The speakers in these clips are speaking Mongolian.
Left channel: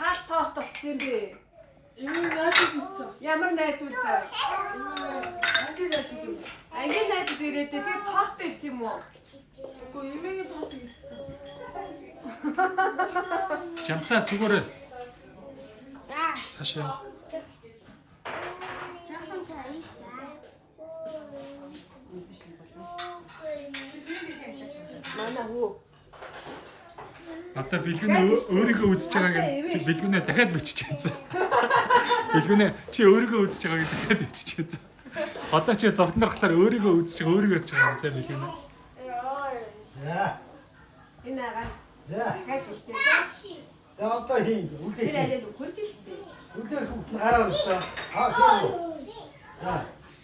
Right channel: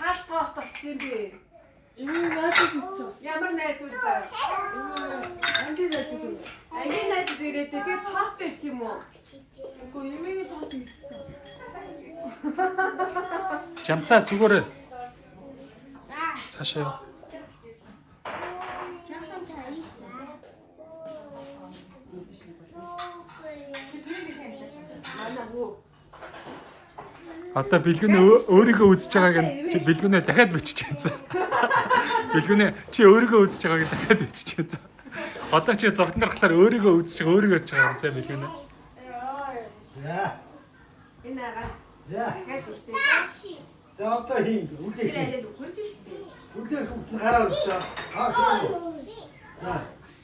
хаалт тоот болсон юм би. Энэ яадаг вэ? Ямар найз үлдээ? Ангийн найз үү? Ангийн найз ирээд тэгээ тоот ирсэн юм уу? Үгүй эмээгийн тоот хийсэн. Жамцаа зүгээр. Цаашаа. Жаахан тарих Манай хүү. Одоо бэлгүнээ өөрийгөө үзэж байгааг нь чи бэлгүнээ дахиад бичиж яцсан. Бэлгүнээ чи өөрийгөө үзэж байгааг дахиад бичиж яцсан. Одоо чи зогтон дарахлаар өөрийгөө үзэж байгаа өөрийгөө явж байгаа юм заа бэлгүнээ. За. Энэ агаа. За. Гаж үлдээ. За одоо хин Тэр үлээ. аяа зүгэрч илтээ. Үлээ гараа өчөө. Аа тийм. За.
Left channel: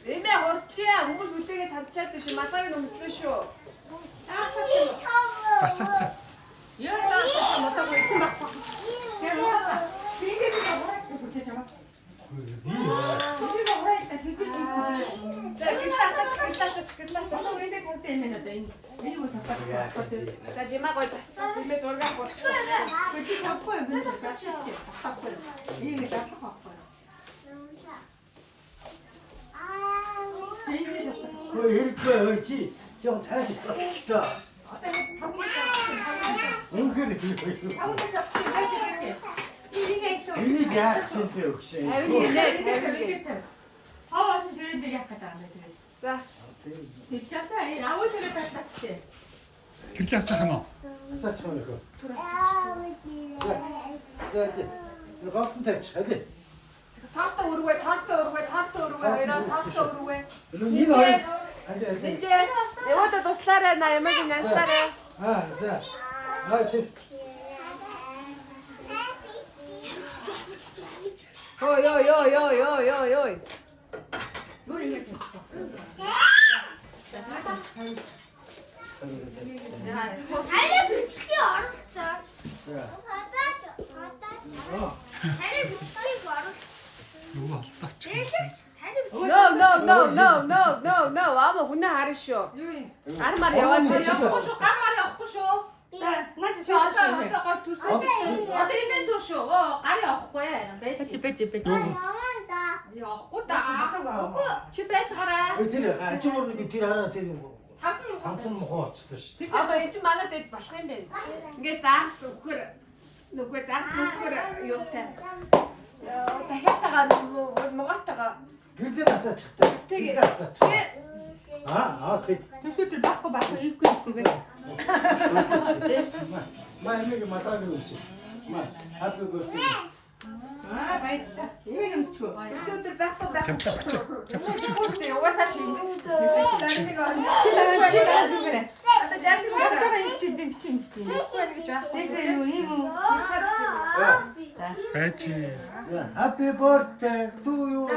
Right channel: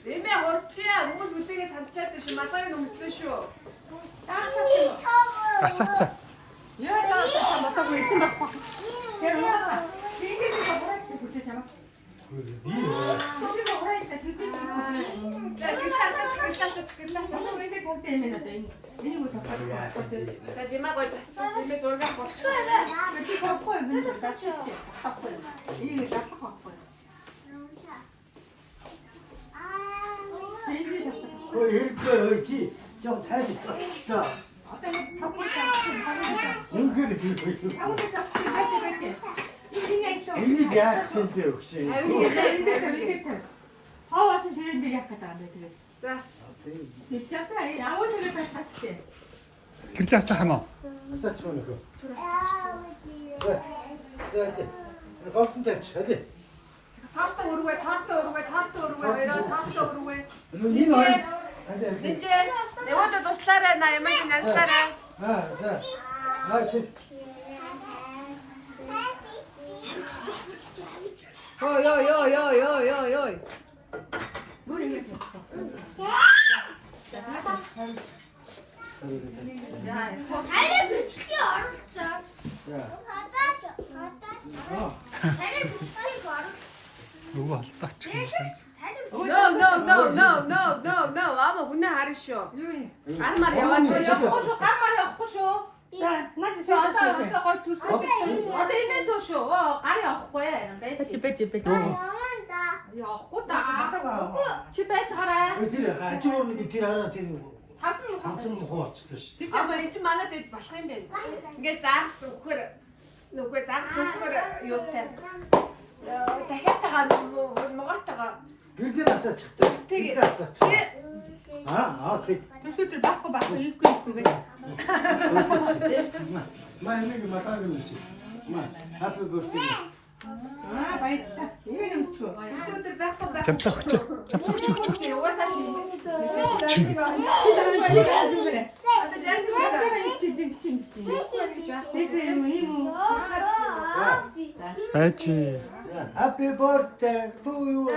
Эмээ хурдхиа хүмүүс үлээгээ санчаад шүү. Малгайг өмслөө шүү. Асаацаа. Яа, мотог үгүй байхгүй. Тэр уусаа. Тэгээд нэг аваад бүтээж чамаа. Бүтээж аваад бүтээж. За гитасаа. Өөрөндөө гонтэй юм байна даа. Энэ юу тапаад. За димаа гой зассан. Эмээ зураг богч. Бүтээж авахгүй юм байна. Авахгүй. Энэ авахгүй авахгүй. Хөө хэрэг чи жоо цааш. За. Одоо нэг таван Үнгээр би. Энийг яахсан бэ өгшөө. Хаваас ширэндээ яах гэдэг юм бэ тэгээд. За. Тэчээтэй аавд ирээд батчихсан. Гэрлээ асаах юм уу? Асаач мөн нөхөө. За. Галтан тавьчих хадаа. Таарта өргөө. Хоёроо таарта өргөө. Энэ хоёр. Хадаа. Нинжээ. Яваад туслаарай на ямаг насаарай. За. Тэр. Ой. Бүр ингэ. Сайн бичлэгийг оруулсан. За. Сайн бичлэгийг оруулсан. Нөгөө алдаач юм. Сайн бичлэг. No. Ама хүнээ харна шүү. Гармаар яваад Явахгүй шүү. Гармаар явахгүй шүү. За, наач Одоо гой төрсөн. Одоо имээс үү шүү. Гар явахгүй яа. бэж. Явахгүй да. Чи байж гараа. Тэр хажуугаар нэг тэр хараа тэр Цамцсан цамцсан мохоо оцлоо шүү. Ама энэ чи манад дэд болох юм байна. Ингээ заагс өгөхөр. Нүггүй заагс өгөхөр юутай. Дахиад тагаа могоотойгоо. Гэрлээ асаачихтай. Тэгээ. Асаачих. Тэг. Тэр байхгүй ийгүй зүгээр. Нэг матаг үсэ. Happy birthday. Баярлалаа. Ийм юмчгүй. Өс өдөр байхгүй. Жамцаа хүч. Угаасаа тийм. Айчи. Happy birthday to you.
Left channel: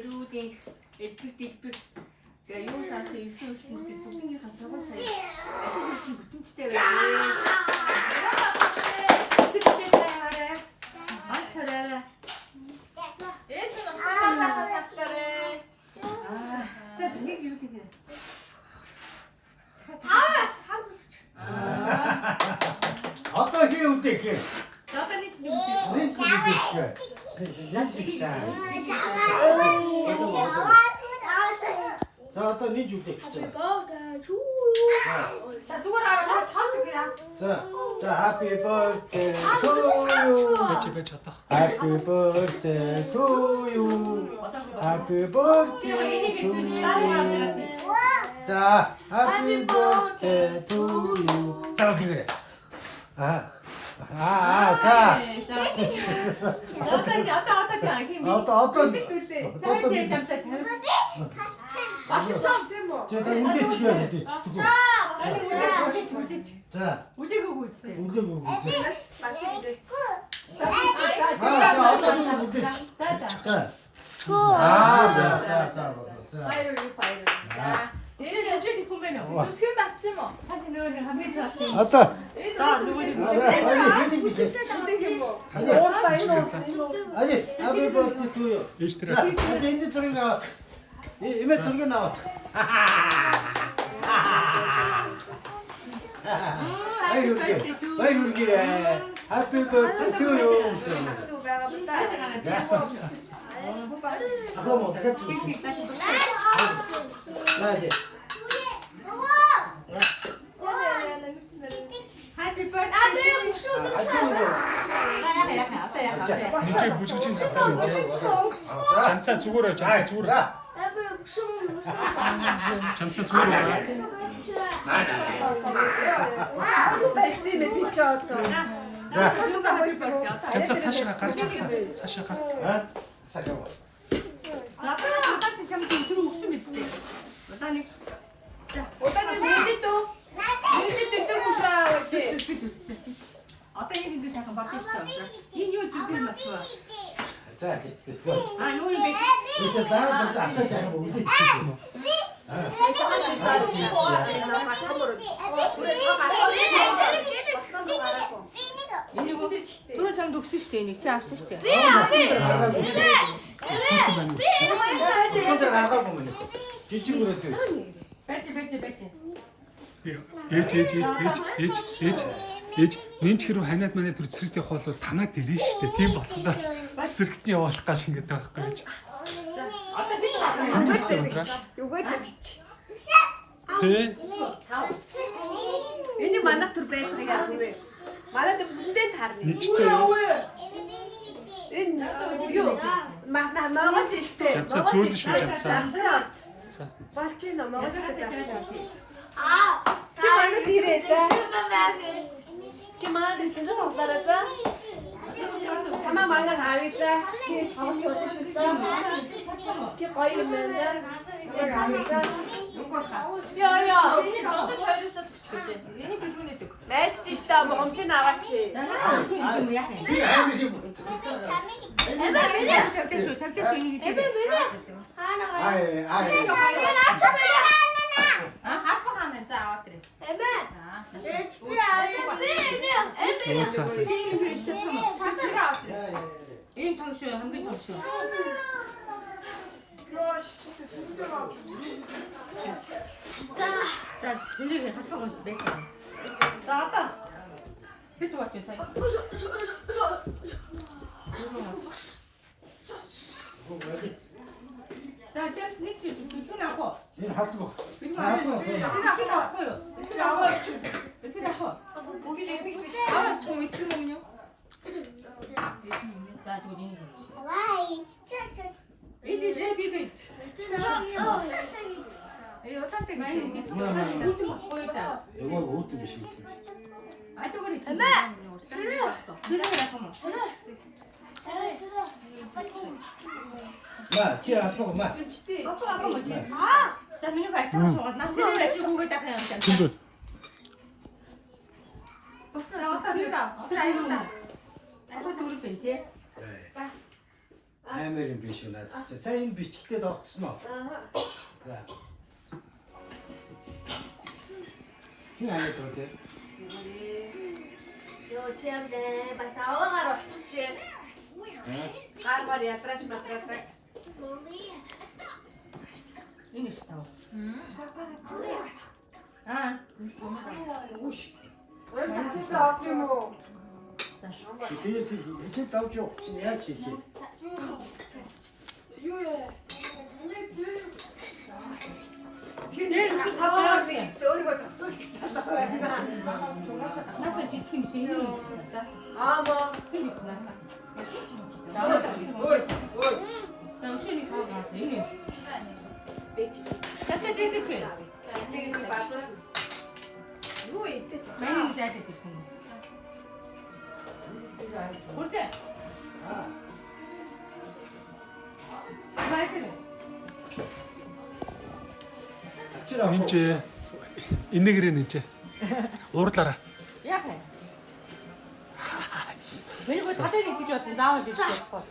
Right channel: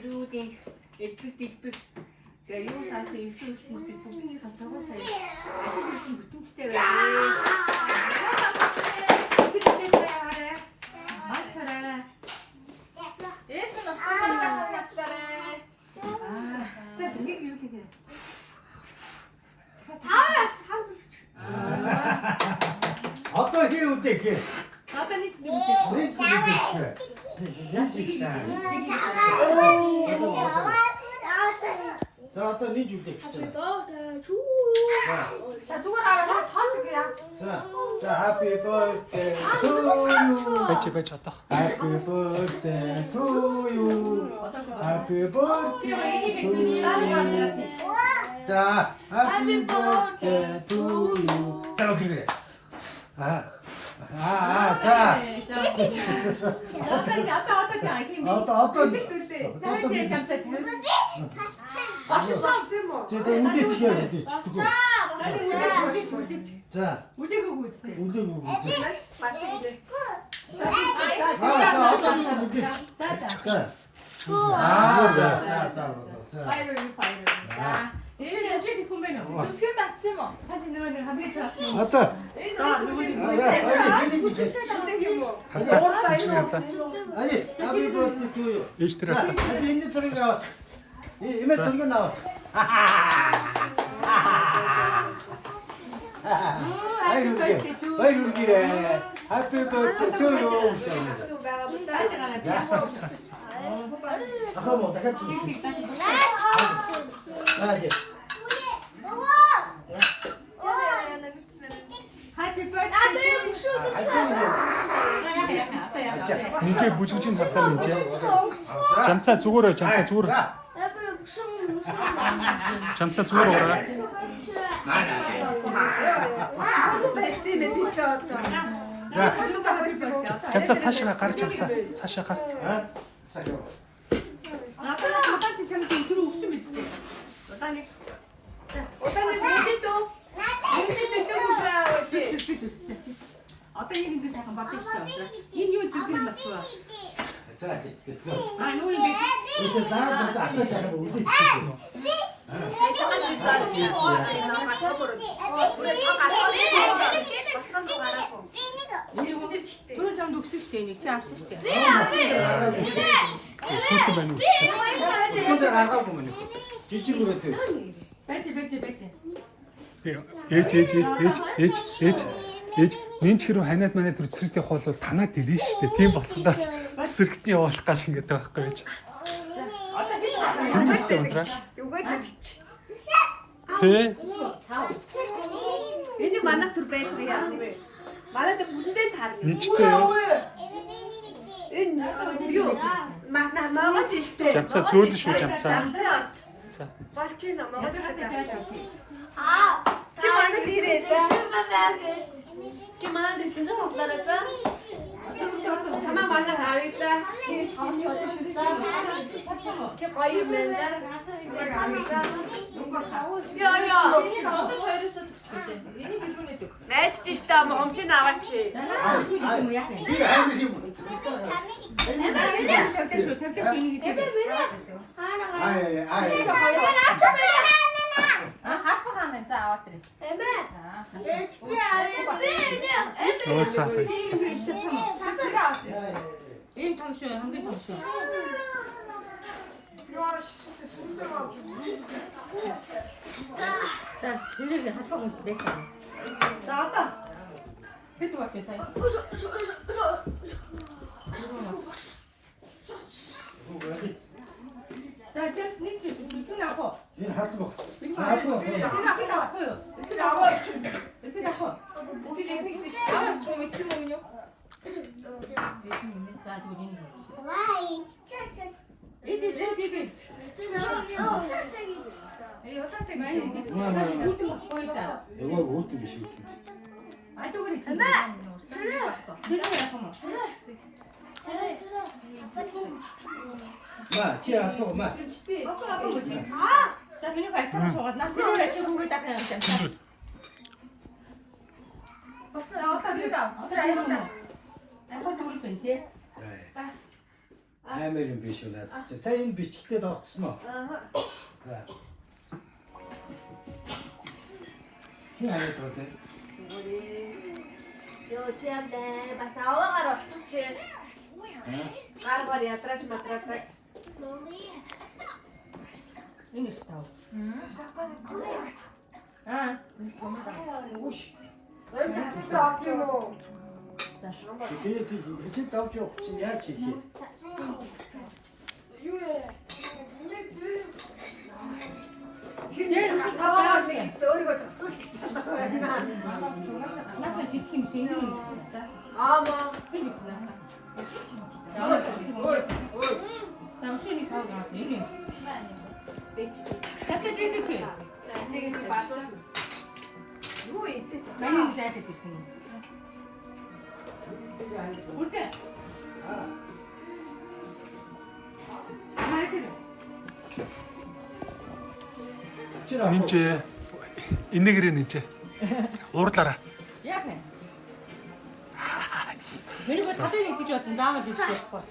Ирүүдийн элбэг тэгээ юу саасан 9 өснөд бүгдийнхээ сургууль сая ажил хийсэн бүтэнчтэй байна. Манчараа. Энэ нь хатаа насаарэ. За нэг юу хийгээ. Одоо хий үдээ хий. Одоо нэг юм. Нэг үдээ. Нэг чигсаа. За одоо нэг үдээ гэж байна. За зүгээр хараа тоо тэгээ. За happy birthday to you. Байж одох. Happy birthday to you. Happy birthday to you. За happy birthday to you. За үгүй. За. Одоо жаа хин. Одоо Jamтай тавьж. Багцсан юм уу? үдээч. 자, 우대고 있대. 우대고 우대. 맞지? 자, 어떤 우대. 자자. 자. 자. 바이럴 이거 바이럴. 자, 이제 저기 보면은 두세 맞지 뭐. 사진 넣으면 하면서 왔다. 나 누구니 뭐. 갔다. 갔다. 아니, 아들 그 두. ээж 들어. 이제 있는 저기 나왔다. 이메 저기 나왔다. 아이 이렇게. 아이 이렇게. 하필 그 투요. 됐어. 아, 그럼 내가 좀. 아, 이제. 하이피 버스. 나도 목수 니께 무지진 갔다 이제. 잠차 죽어라. 잠차 죽어라. 잠차 죽어라. 잠차 차시가 가라. 잠차. 차시가 가. 잠깐만. 나한테 참 들어 웃으면 있대. 나는 오빠는 내지도 또 무시하지. 어떤 얘기인지 잠깐 맡겼어. 인류 지금 막 좋아. 자, 그거. 아, 노인데. 그래서 나는 좀 아싸잖아. 뭐 우대. 그런 사람도 없으시대. 진짜 없으시대. 그것도 많이 없어. 혼자 나가 보면 뒤집으로 돼 있어. 배지. Ээж нэнчгэрүү ханаад манайд төр цэцэрлэгтэй хоолол танаад ирнэ шүү дээ. Тийм болохоор цэцэрлэгтээ явуулах гал ингэж байгаа байхгүй яаж. Хэмжээстэй ундраа. Юугаа тавьчих. Тэ. Энийг манайх төр байсан яг нэрээ. Манайд бүдэндээ таарна. Нийтдээ юу? Энэ юу? Манай ногоос илтэй. Жамцаа зөөлөн шүү жамцаа. За. Болчихно ногоос илтэй. 아, 얼굴 뒤에 있다. 슈퍼맨. 김하나 이렇게 덮어라자. 자만 만나 가겠자. 이렇게 보이면서 야야. 너도 저희로서 그치? 얘네 비슷해 또. 매치 시다 뭐 엄청 나왔지. 탐색 있는 게 하는 자 왔더래. Өө цаа. 인 탐쇼 한개 탐쇼. 자, 들리게 합하고 맺자. 자, 왔다. 필도 왔죠, 사이. 자, 저 니치 불편하고. 지금 하트 먹. 이거 하트 먹. 이렇게 나와요. 이렇게 나와요. 이렇게 나와. 어디 넷플릭스 시간 총 이틀 보면요. 자, 둘이. 와이. 이게 지금 이 어떤 때 많이 그때 오겠지. 이거 보인다. 이거 먹기 미심. 아주 그래. 싫어. 마, 지아 하트 먹. 마. 아까 뭐지? 자, 그냥 발톱 속아. 나 세례를 찍은 거 딱 그냥. 근데 나왔다 들어가. 들어가. 아까 누굴 뺀지? Амар юм биш үү надад. Сайн бичгтээ тогтсон уу? Хин анаа тоотой. 요지한데 бас аваагаар олчихжээ. Гаргаар ядраач матраач. 이미 스타오. 아, 왜 자꾸 없지 뭐. 이렇게 давж явах чинь яаж хийх юм? юу ээ. 얘 이렇게 가봐야 돼. өөрийгөө зогсуулчихсан байна. 나쁜 지침 신경 Аа мо. 그러니까. ой. 당신이 가고 왔어. 이미. Бич. 잠깐 제대치. Нэг баасан. Юу ийтэй. 많이 자야 돼 지금. 보자. 말대로. Чи энэ Энэгэрээ нэмчээ. Уурлаараа. Яах вэ? Миний гоо татыг гэж бодсон заавал гэж бодохгүй.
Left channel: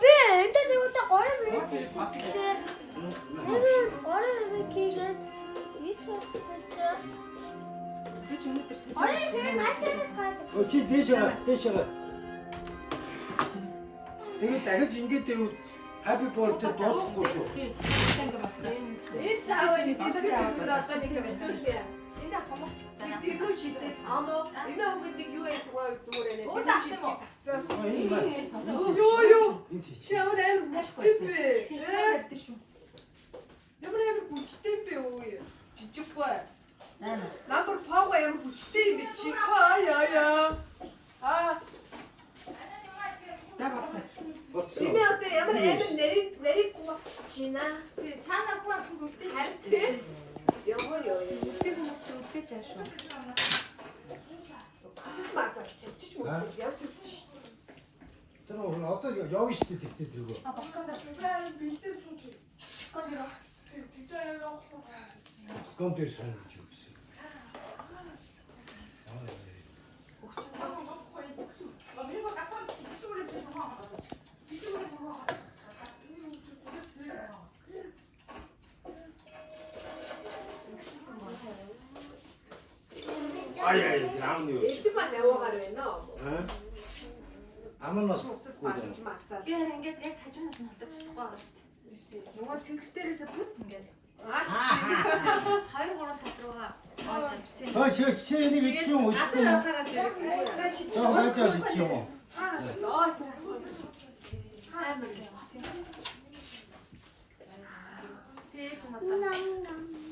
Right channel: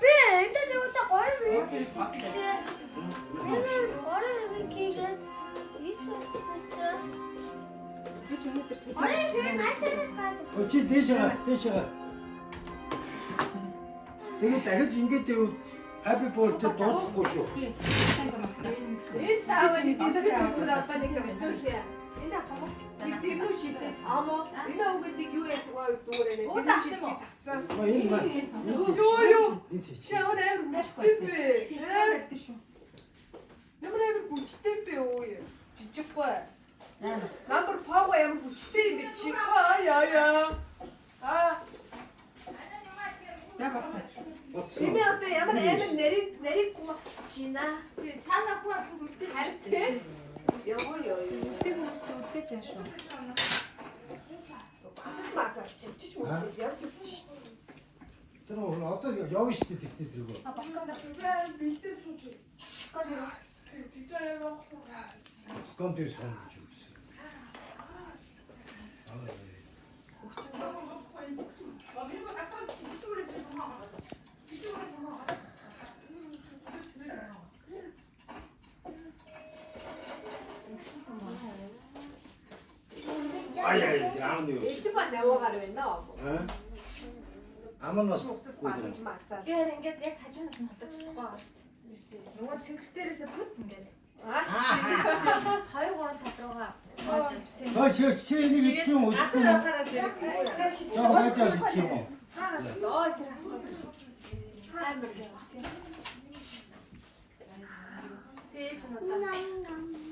Би энэ дэвтэ гоо минь тийм. Гоо минь хийгээд Би ч өнөөдөр Ой, би надад Чи дээшээ. Тэгээд дахиж ингэж дэв happy birthday дуудахгүй шүү. Энэ таавар нэг зүйл апаа нэг хэвчээ. Энэ апаа. Нэг юу чидээ. Амаа энэ үгэд нэг юу яах вэ зүгээр нэ. Уу тавсан мó. Юу. Энд тийч. Чаавар аим бүчтэй бэ. Ямар аим бүчтэй бэ үү? Жижиггүй. Number 5 аим бүчтэй юм би чи. Яа. Эми одоо ямар аим нэрийг чина. Би цаанаа хуу бүгдээ Харин яваа. бүгдээ бүгдээ жаа шүү. Мацалч чиж мөч явж өгч шít. Тэр одоо явна шүү дээ тэгтээ тэргөө. Бэлдээ цууч. Гон дээр сууж үзсэн. Ай яам юу. Элчиг бас яваагаар байна уу? Амнаас Уцас бааж мацаа. Би ингээд яг хажуунаас нь холдож чадахгүй байгаа шүү дээ. Нөгөө цэнгэртээрээс бүт ингээд. Хоёр гурван тадруугаа. чи энийг их юм уу? Азар явахаараа зэрэг. Заавал их юм уу? Оо тэр. Амар юм. Тэгэж надад.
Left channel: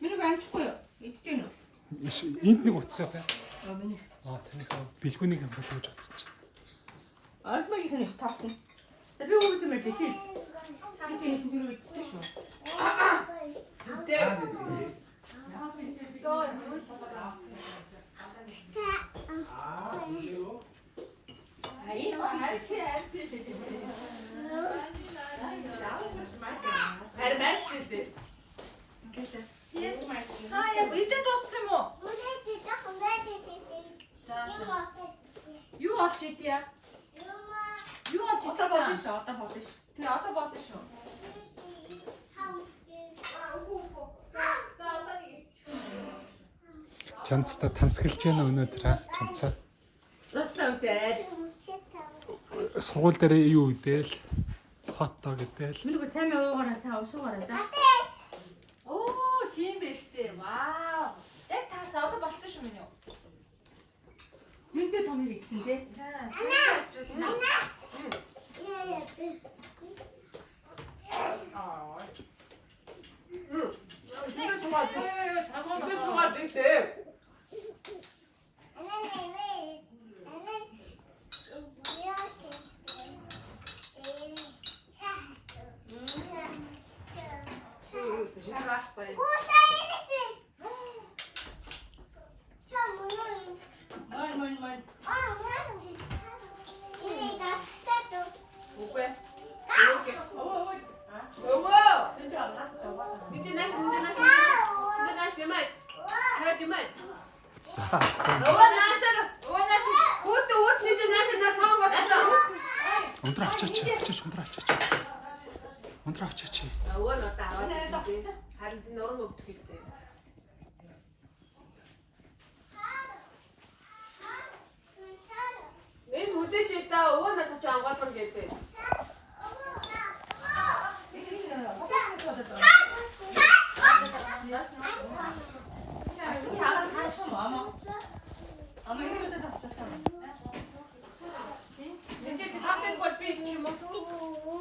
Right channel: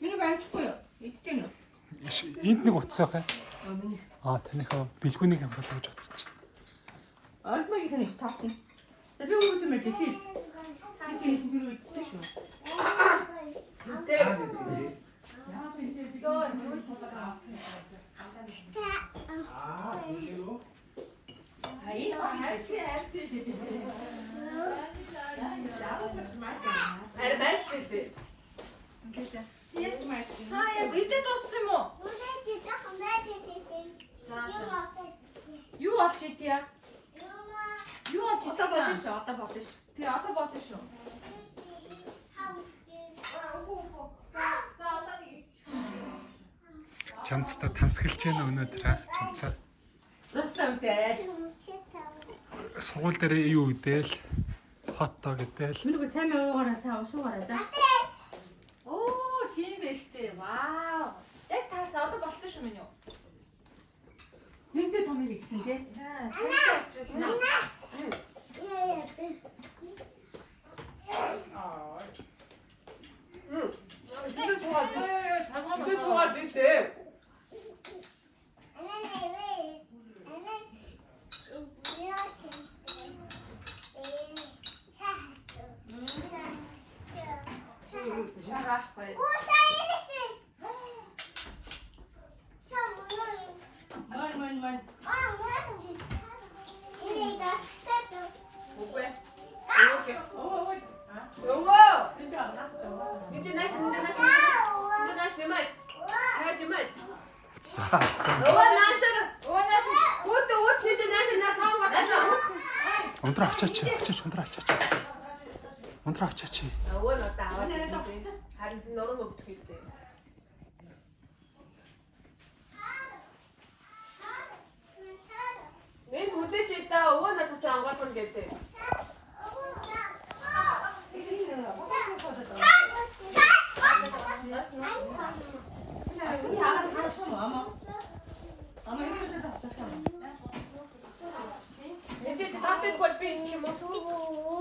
Миний амжихгүй юу? Идэж гэнэ үү? Энд нэг утас байгаа. Таныхаа бэлгүүнийг хамгаалах гэж утсан чи. Альма их нэг таахгүй. Би үгүй юм чи. Би чинь тэр үгүй шүү. Хаяа идэ дууссан юм уу? Юу олж идэя? Юу олж Одоо болно идэя? шүү. Тэг одоо болно шүү. Чамцтай тансгэлж яана өнөөдөр аа чамцаа. Сургууль дээр юу гэдээл фото гэдээл. Миний гоо цаймаа уугаараа цаа уушуугаараа за. Оо, тийм байж тээ. Вау. Яг таарсан одоо болсон шүү минь юу? Энд томыг игсэн тий. Ман. Ундраа очооч. Ундраа очооч. Харин нуруу өгдөг хэлтэй. Энэ үзэж та өвөө надад ч ангуулсан гэдэг. Чаараа таасан юм аа. Амаа юу гэдэг тассан. Энд чи таахтай бол би юм уу?